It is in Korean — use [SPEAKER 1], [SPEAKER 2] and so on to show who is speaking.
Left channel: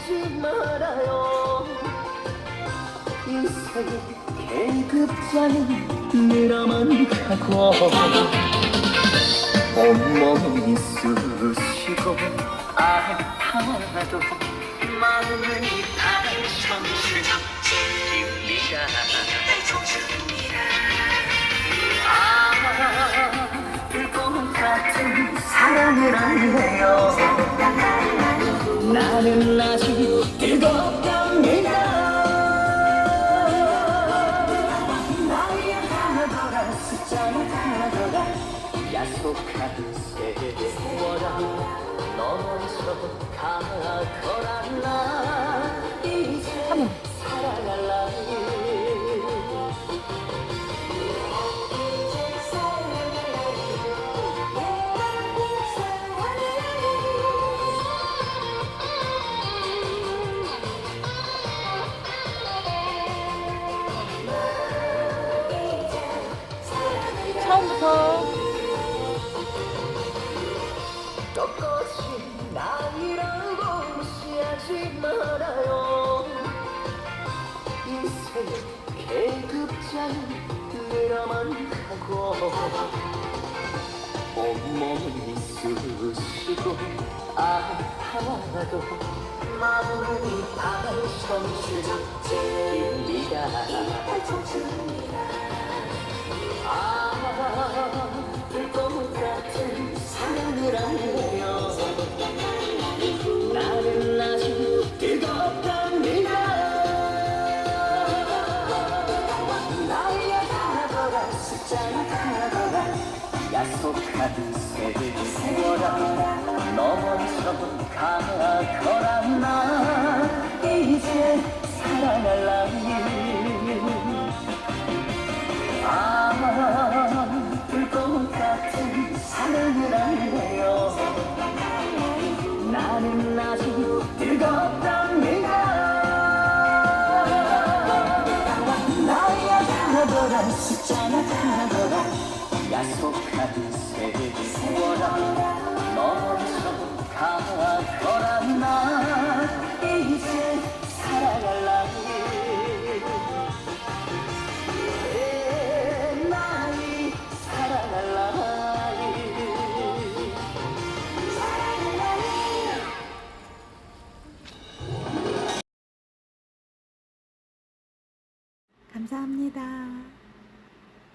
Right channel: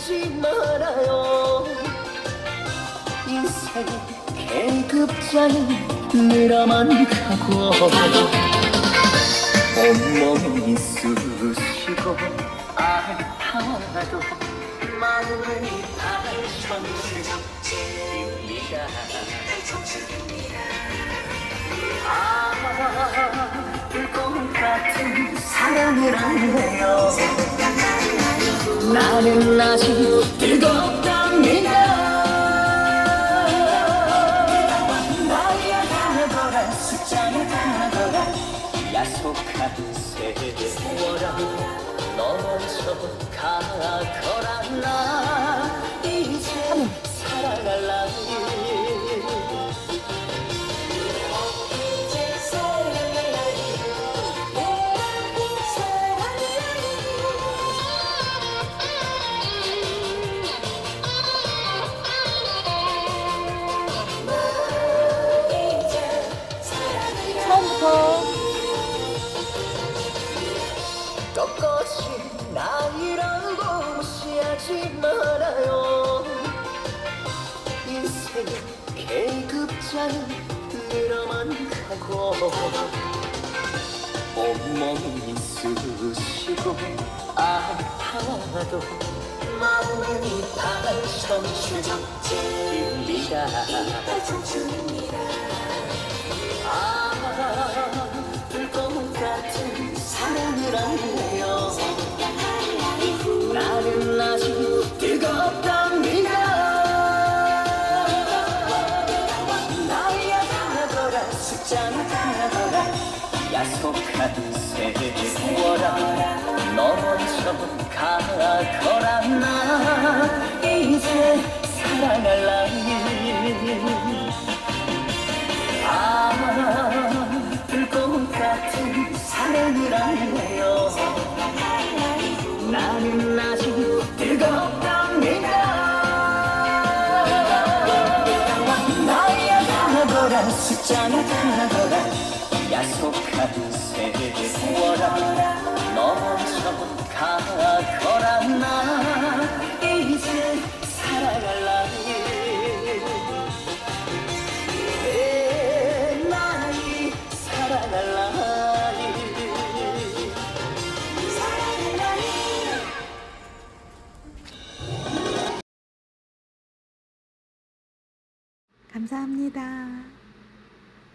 [SPEAKER 1] 무시하지 말아요. 인생 계급자인 늘어만 가고 온몸이 쑤시고 아파도 마음은 당신입니다. 아, 불꽃 같은 사랑을 안해요 나는 아직 뜨겁답니다. 나의 하나거라 숫자의 하나거라 약속한 세월아 너 먼저 가거라. 나 이제
[SPEAKER 2] 처음부터.
[SPEAKER 1] 똑같이 나이라고 무시하지 말아요. 인생 계급자는 늘어만 가고 온몸이 쑤시고 아파도 마음은 당신입니다. 불꽃 약속한 세월아 너 먼저 가거라 나 이제 살아갈라 아, 불꽃 같은 사랑을 안해요. 나는 아직 뜨겁답 약속한 세월아 너 먼저 가거라. 나 이제 살아갈라 내 나이
[SPEAKER 2] 감사합니다.